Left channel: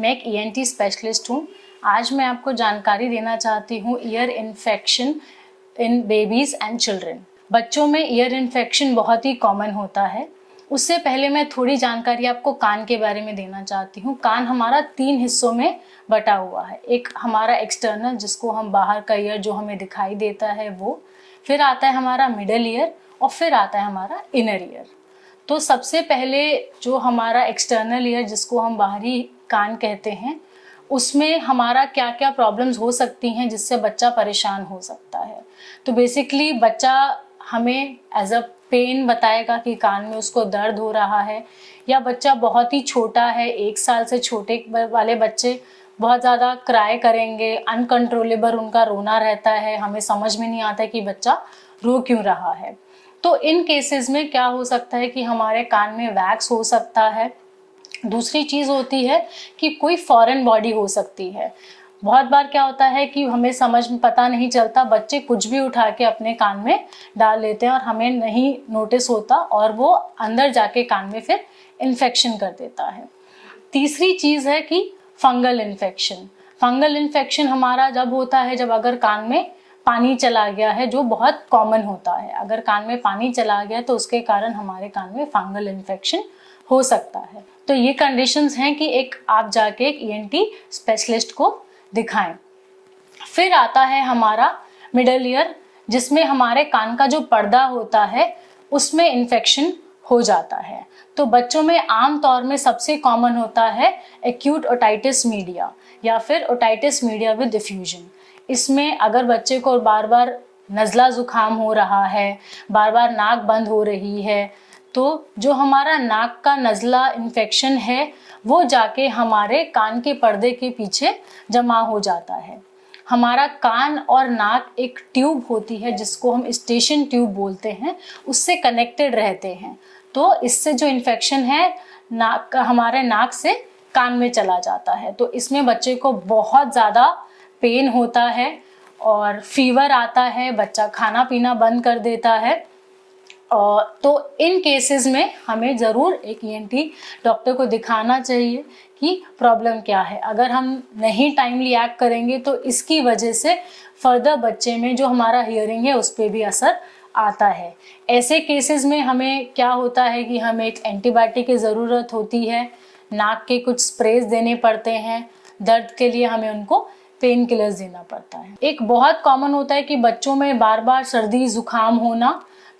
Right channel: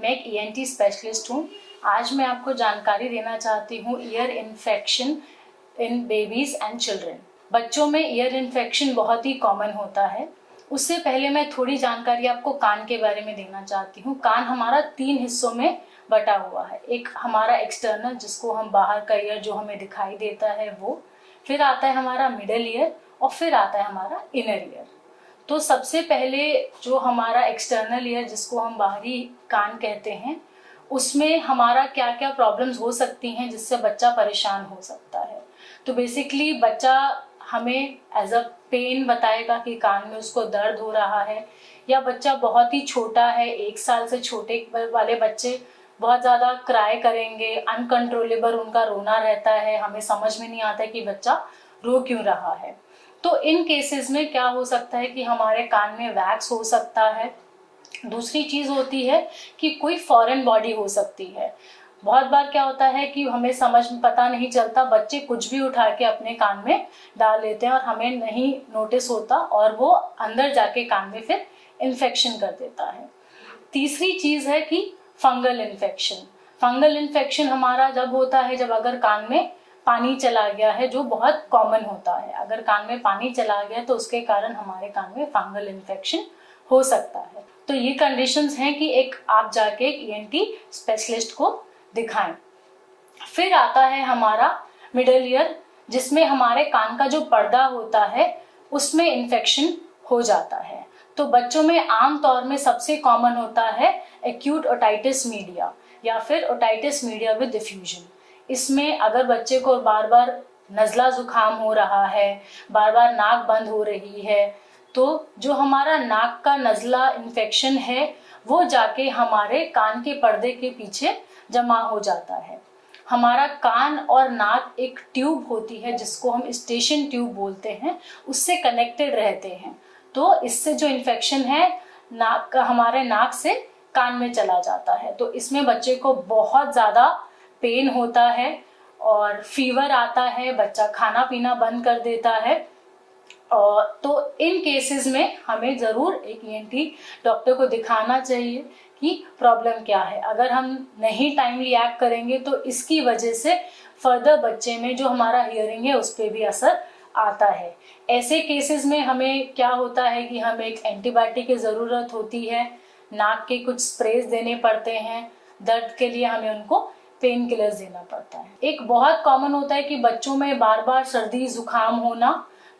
मैं एक ENT specialist हूँ। आज मैं आपको जानकारी देना चाहती हूँ ear infection in babies and children. बच्चों में ईयर इन्फेक्शन बहुत ही कॉमन होता है। उससे पहले मैं थोड़ी जानकारी आपको कान के बारे में देना चाहती हूँ। कान हमारा 3 हिस्सों में बटा हुआ है। एक हमारा एक्सटर्नल, जिसको हम बाहर का ईयर जो हमें दिखाई देता है वो, फिर आता है हमारा मिडल ईयर और फिर आता है हमारा इनर ईयर। तो सबसे पहले जो हमारा एक्सटर्नल ईयर, जिसको हम बाहरी कान कहते हैं, उसमें हमारा क्या क्या प्रॉब्लम्स हो सकती हैं जिससे बच्चा परेशान हो सकता है। तो बेसिकली बच्चा हमें एज अ पेन बताएगा कि कान में उसको दर्द हो रहा है, या बच्चा बहुत ही छोटा है, 1 साल से छोटे वाले बच्चे बहुत ज़्यादा क्राई करेंगे, अनकंट्रोलेबल उनका रोना रहता है, हमें समझ में नहीं आता कि बच्चा रो क्यों रहा है। तो इन केसेस में क्या हो सकता है कि हमारे कान में वैक्स हो सकता है। दूसरी चीज़ होती है कि कोई फॉरेन बॉडी हो सकती है। बहुत बार क्या होता है कि हमें समझ में पता नहीं चलता, बच्चे कुछ भी उठा के अपने कान में डाल लेते हैं और हमें नहीं नोटिस होता, और वो अंदर जाके कान में फिर इन्फेक्शन कर देता है। तीसरी चीज़ है कि फंगल इन्फेक्शन। फंगल इन्फेक्शन हमारा जब होता है जब अगर कान में पानी चला गया है, जो बहुत कॉमन होता है। अगर कान में पानी चला गया तो उसके कारण हमारे कान में फंगल इन्फेक्शन हो सकता है। तो ये कंडीशंस हैं कि एक आप जाके एक ईएनटी स्पेशलिस्ट को दिखाएं। फिर आता है हमारा मिडल ईयर, जिसमें हमारे कान का जो पर्दा होता है उसमें इन्फेक्शन हो जाता है। तो बच्चों में आम तौर में सबसे कॉमन होता है एक्यूट ओटाइटिस मीडिया या फिर ओटाइटिस मीडिया विद डिफ्यूजन। इसमें अगर बच्चे को बार बार नज़ला जुकाम हो रहा है, बार बार नाक बंद हो रही है, तो जो हमारा नाक का नज़ला इन्फेक्शन है वो जाके हमारे कान के पर्दे के पीछे जमा हो जाता है। हमारा कान और नाक एक ट्यूब होती है जिसको हम स्टेशन ट्यूब बोलते हैं, उससे कनेक्टेड रहते हैं। तो इससे जो इन्फेक्शन है नाक का हमारे नाक से कान में चला जाता है। तो इसमें बच्चे को बहुत ज़्यादा पेन होता है और फीवर आता है, बच्चा खाना पीना बंद कर देता है। और तो इन केसेस में हमें ज़रूर एक ईएनटी डॉक्टर को दिखाना चाहिए कि प्रॉब्लम क्या है। अगर हम नहीं टाइमली एक्ट करेंगे तो इसकी वजह से फर्दर बच्चे में जो हमारा हियरिंग है उस पर भी असर आता है। ऐसे केसेस में हमें क्या होता है कि हमें एक एंटीबायोटिक की ज़रूरत होती है, नाक के कुछ स्प्रेज देने पड़ते हैं, दर्द के लिए हमें उनको पेन किलर्स देना पड़ता है। एक बहुत कॉमन होता है कि बच्चों में बार बार सर्दी जुकाम होना।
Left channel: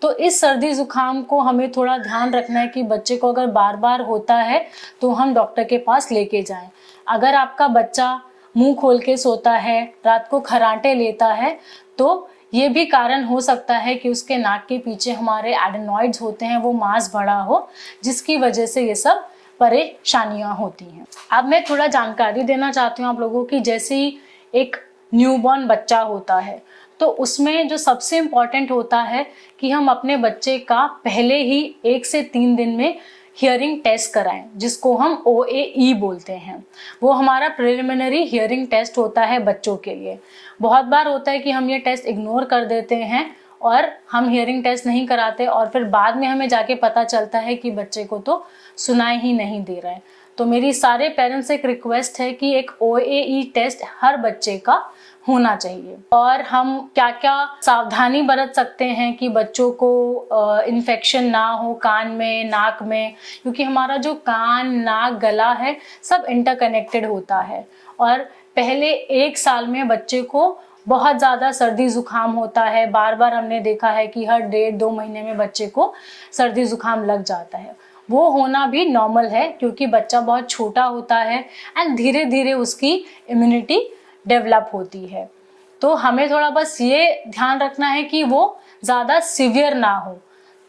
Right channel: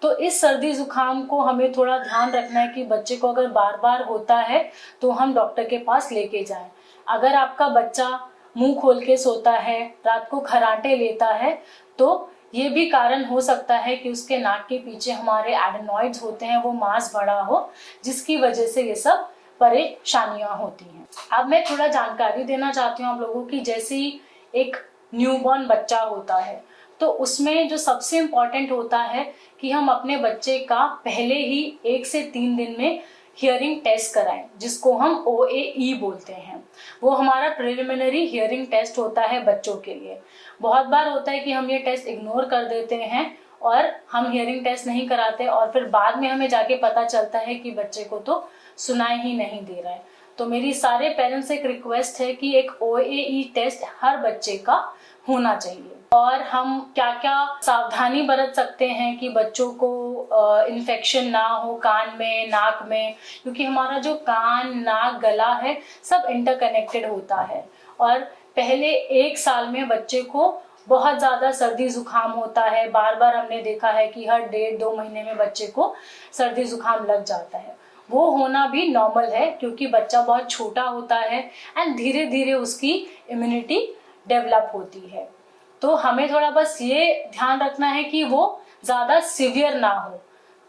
तो इस सर्दी जुकाम को हमें थोड़ा ध्यान रखना है कि बच्चे को अगर बार बार होता है तो हम डॉक्टर के पास लेके जाएं। अगर आपका बच्चा मुंह खोल के सोता है, रात को खर्राटे लेता है, तो ये भी कारण हो सकता है कि उसके नाक के पीछे हमारे एडेनॉइड्स होते हैं, वो मांस बढ़ा हो, जिसकी वजह से ये सब परेशानियां होती हैं। अब मैं थोड़ा जानकारी देना चाहती हूँ आप लोगों की। जैसे ही एक न्यूबॉर्न बच्चा होता है तो उसमें जो सबसे इम्पॉर्टेंट होता है कि हम अपने बच्चे का पहले ही 1 से 3 दिन में हियरिंग टेस्ट कराएं, जिसको हम OAE बोलते हैं। वो हमारा प्रिलिमिनरी हियरिंग टेस्ट होता है बच्चों के लिए। बहुत बार होता है कि हम ये टेस्ट इग्नोर कर देते हैं और हम हियरिंग टेस्ट नहीं कराते, और फिर बाद में हमें जाके पता चलता है कि बच्चे को तो सुनाई ही नहीं दे रहा है। तो मेरी सारे पेरेंट्स से एक रिक्वेस्ट है कि एक OAE टेस्ट हर बच्चे का होना चाहिए। और हम क्या क्या सावधानी बरत सकते हैं कि बच्चों को इन्फेक्शन ना हो कान में, नाक में, क्योंकि हमारा जो कान, नाक, गला है सब इंटरकनेक्टेड होता है। और पहले 1 साल में बच्चे को बहुत ज़्यादा सर्दी जुकाम होता है। बार बार हमने देखा है कि हर 1.5-2 महीने में बच्चे को सर्दी जुकाम लग जाता है। वो होना भी नॉर्मल है क्योंकि बच्चा बहुत छोटा होता है एंड धीरे धीरे उसकी इम्यूनिटी डेवलप होती है। तो हमें थोड़ा बस ये ध्यान रखना है कि वो ज़्यादा सिवियर ना हो।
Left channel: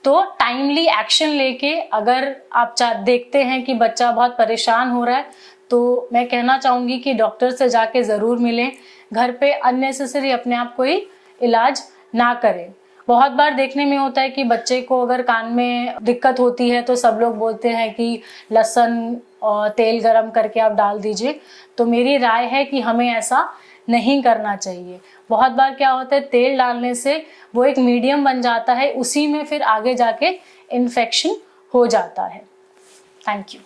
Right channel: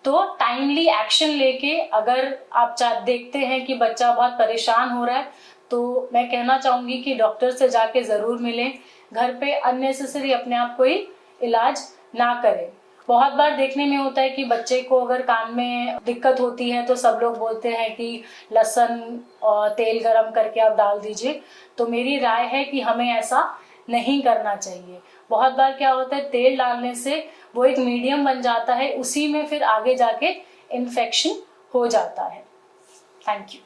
तो टाइमली एक्शन लेके अगर आप देखते हैं कि बच्चा बहुत परेशान हो रहा है तो मैं कहना चाहूँगी कि डॉक्टर से जाके ज़रूर मिलें। घर पे अननेसेसरी अपने आप कोई इलाज ना करें। बहुत बार देखने में होता है कि बच्चे को अगर कान में दिक्कत होती है तो सब लोग बोलते हैं कि लहसुन और तेल गरम करके आप डाल दीजिए। तो मेरी राय है कि हमें ऐसा नहीं करना चाहिए। बहुत बार क्या होता है, तेल डालने से वो एक मीडियम बन जाता है, उसी में फिर आगे जाके इन्फेक्शन हो जाता है। Thank you.